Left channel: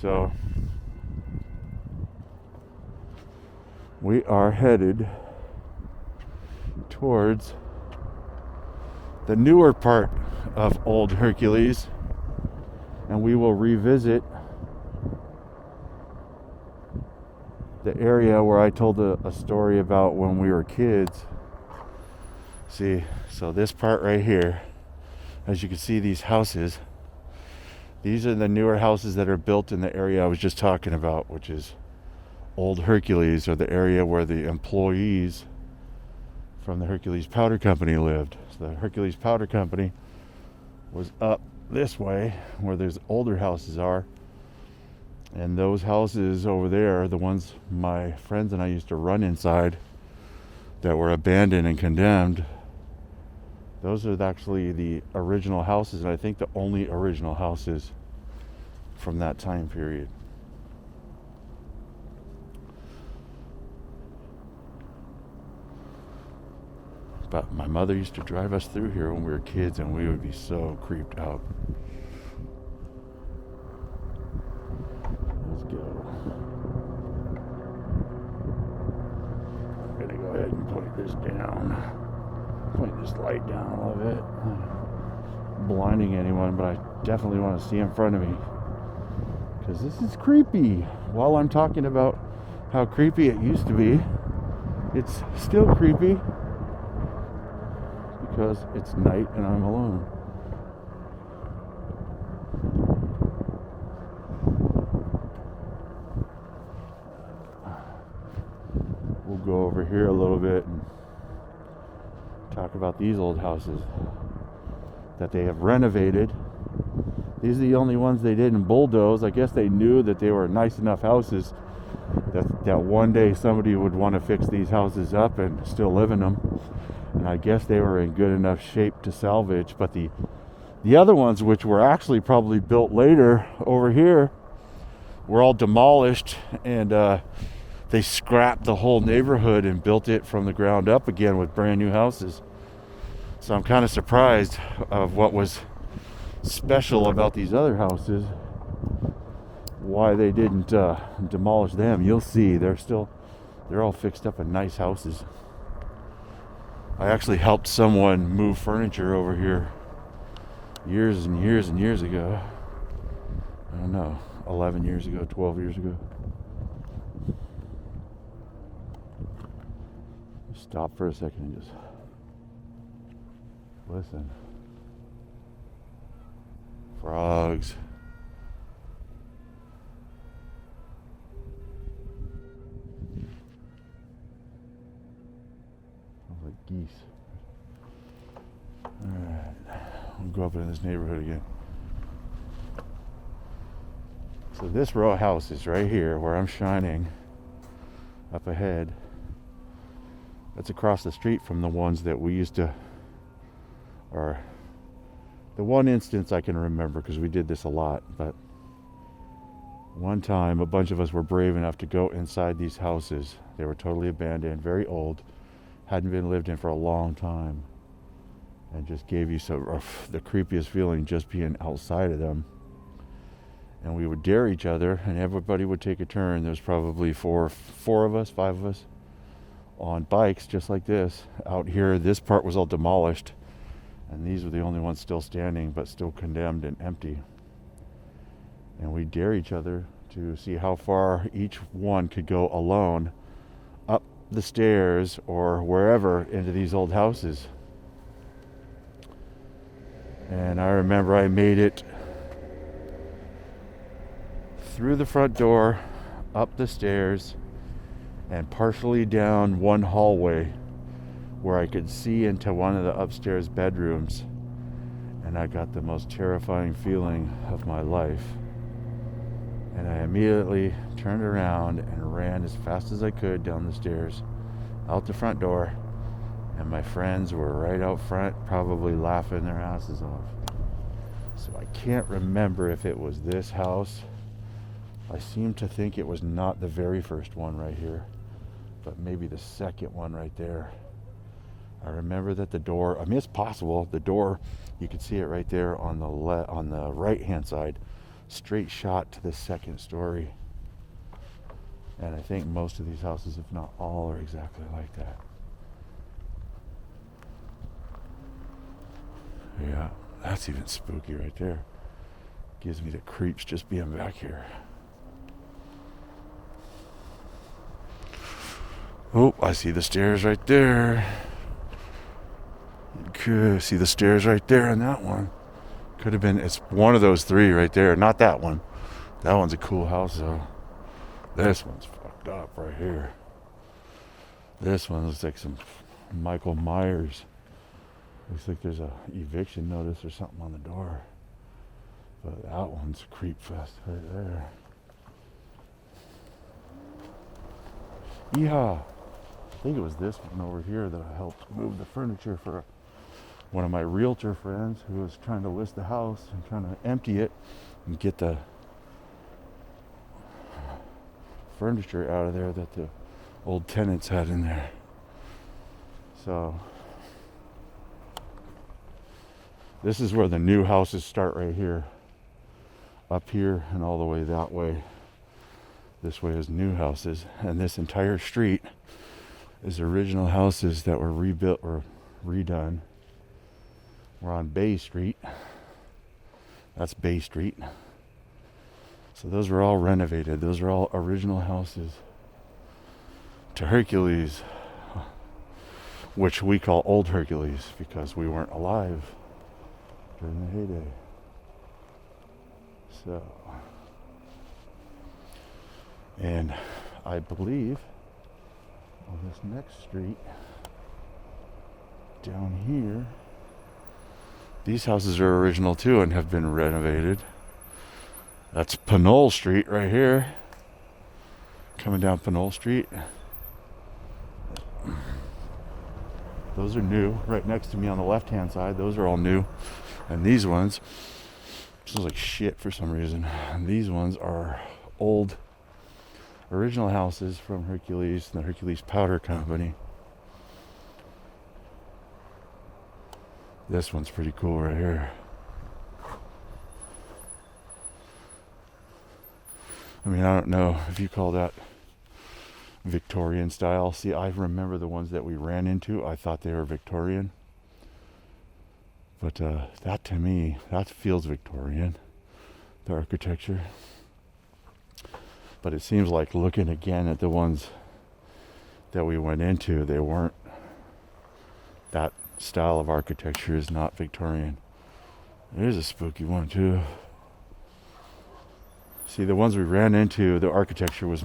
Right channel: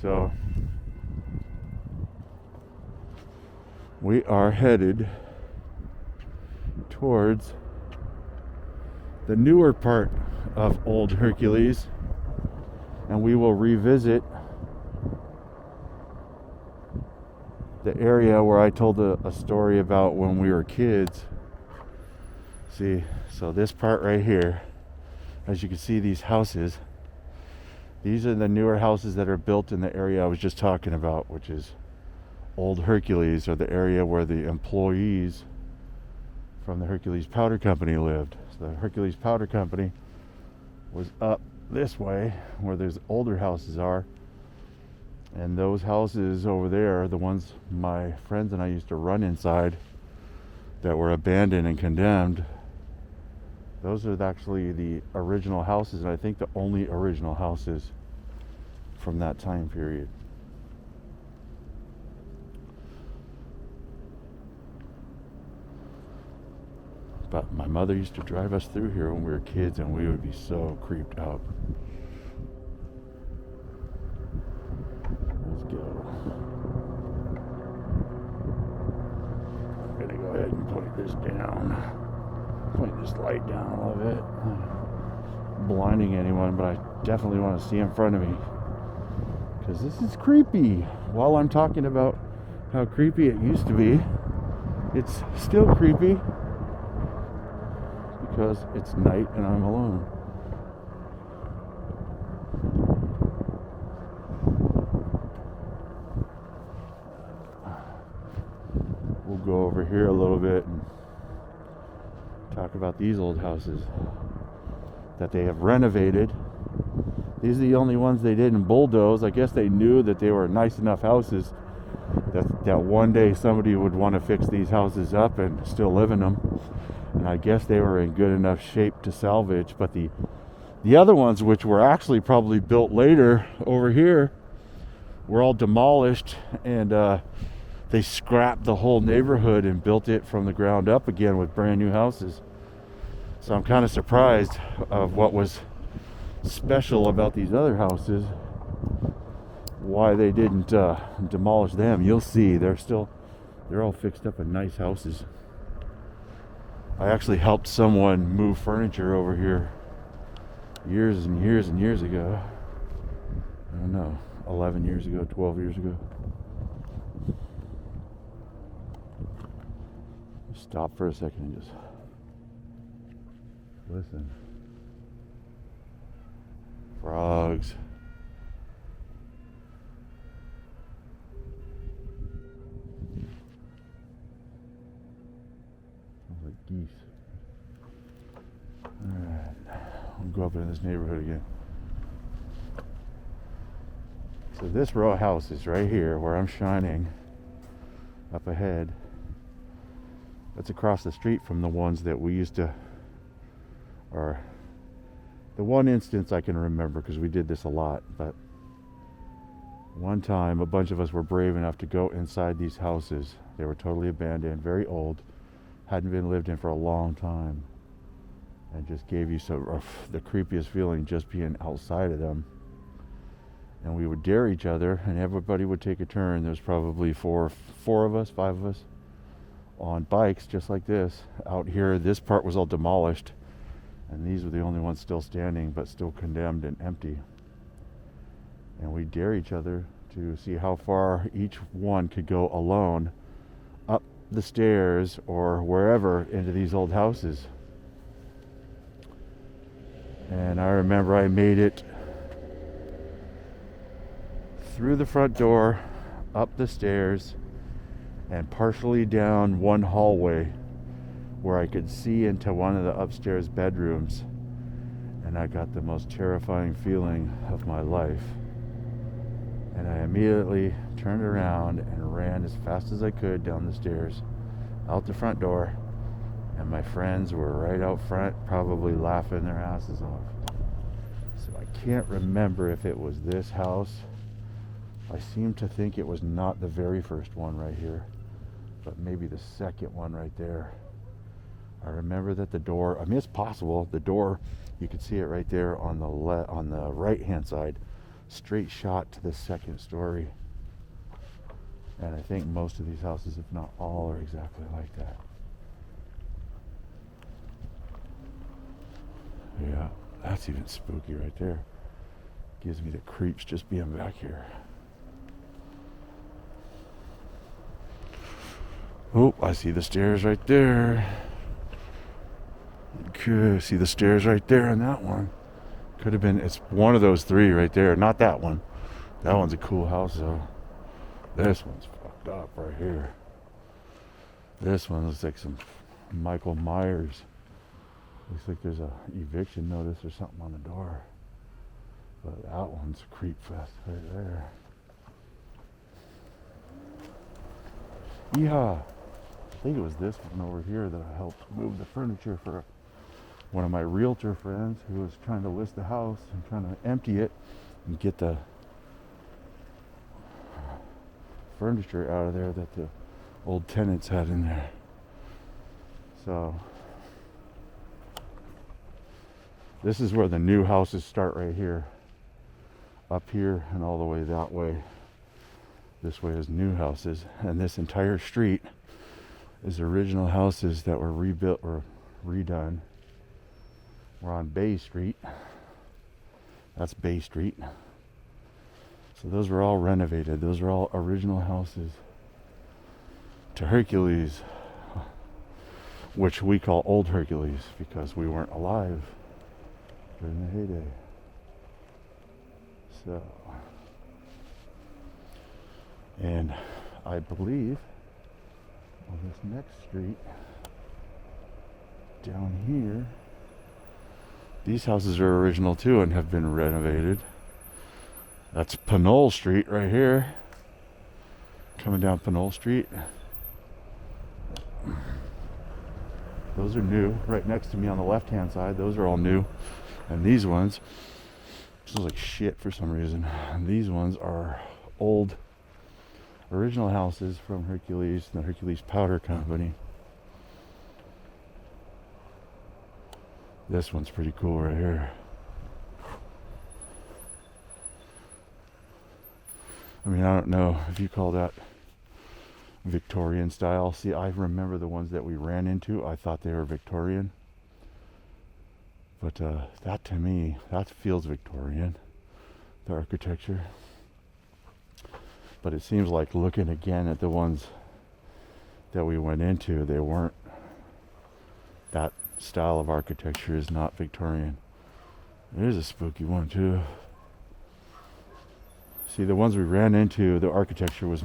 So we are headed towards the newer part of Old Hercules, and we will revisit the area where I told a story about when we were kids. See, so this part right here, as you can see, these houses, these are the newer houses that are built in the area I was just talking about, which is Old Hercules, or the area where the employees from the Hercules Powder Company lived. So the Hercules Powder Company was up this way where those older houses are, and those houses over there are the ones my friends and I used to run inside that were abandoned and condemned. Those are actually the original houses, and I think the only original houses from that time period. But my mother used to drive us through here when we were kids, and we would be so creeped out. Let's go. I'm gonna go ahead and point this down. Point this light down a little bit. Blinding anyone, but I definitely want to see in front of me, because this is creepy. While I'm talking about how creepy it used to be, it's still creepy because it's night and I'm alone. We'll go over here a little bit and talk about these old houses that they have renovated. These are the only ones they didn't bulldoze. I guess they knew that they were nice enough houses that one day somebody would want to fix these houses up and still live in them. And I guess they were in good enough shape to salvage. But the other ones, which were actually probably built later over here, were all demolished, and they scrapped the whole neighborhood and built it from the ground up again with brand new houses. So I'm kind of surprised of what was special about these other houses, why they didn't demolish them. You'll see they're all fixed up in nice houses. I actually helped someone move furniture over here years and years and years ago. I don't know, 11 years ago, 12 years ago. Stop for a second and just listen. Frogs. Sounds like geese. Alright. I'll go up in this neighborhood again. So this row of houses right here where I'm shining up ahead, that's across the street from the ones that we used to, or the one instance I can remember, because we did this a lot, but one time a bunch of us were brave enough to go inside these houses. They were totally abandoned, very old, hadn't been lived in for a long time, and just gave you the creepiest feeling just being outside of them. And we would dare each other, and everybody would take a turn. There's probably four of us, 5 of us, on bikes just like this out here. This part was all demolished, and these were the only ones still standing, but still condemned and empty. And we dare each other to see how far each one could go alone up the stairs or wherever into these old houses. And I remember I made it through the front door, up the stairs, and partially down one hallway where I could see into one of the upstairs bedrooms, and I got the most terrifying feeling of my life. And I immediately turned around and ran as fast as I could down the stairs, out the front door, and my friends were right out front, probably laughing their asses off. So I can't remember if it was this house. I seem to think it was not the very first one right here, but maybe the second one right there. I remember that the door, I mean, it's possible, the door, you can see it right there on the right hand side. straight shot to the second story. And I think most of these houses, if not all, are exactly like that. Yeah, that's even spooky right there. Gives me the creeps just being back here. Oh, I see the stairs right there. Okay, see the stairs right there on that one. Could have been, it's one of those three right there. Not that one. That one's a cool house though. This one's fucked up right here. This one looks like some Michael Myers. Looks like there's a eviction notice or something on the door. But that one's creep fest right there. Yeehaw! I think it was this one over here that I helped move the furniture for one of my realtor friends who was trying to list the house and trying to empty it and get the furniture out of there that the old tenants had in there. So this is where the new houses start right here. Up here and all the way that way. This way is new houses, and this entire street is original houses that were rebuilt or redone. We're on Bay Street. That's Bay Street. So those were all renovated. Those are all original houses to Hercules, which we call Old Hercules because we weren't alive during the heyday. So, and I believe on this next street down here, these houses are original too and have been renovated. That's Pinole Street right here. Coming down Pinole Street. Those are new. Right next to me on the left hand side, those are all new. And these ones smells like shit for some reason. And these ones are old original houses from Hercules, the Hercules Powder Company. This one's pretty cool right here. I mean, I don't know if you call that Victorian style. See, I remember the ones that we ran into. I thought they were Victorian. But that to me, that feels Victorian, the architecture. But it seems like looking again at the ones that we went into, they weren't, that style of architecture is not Victorian. There's a spooky one too. See, the ones we ran into, the architecture was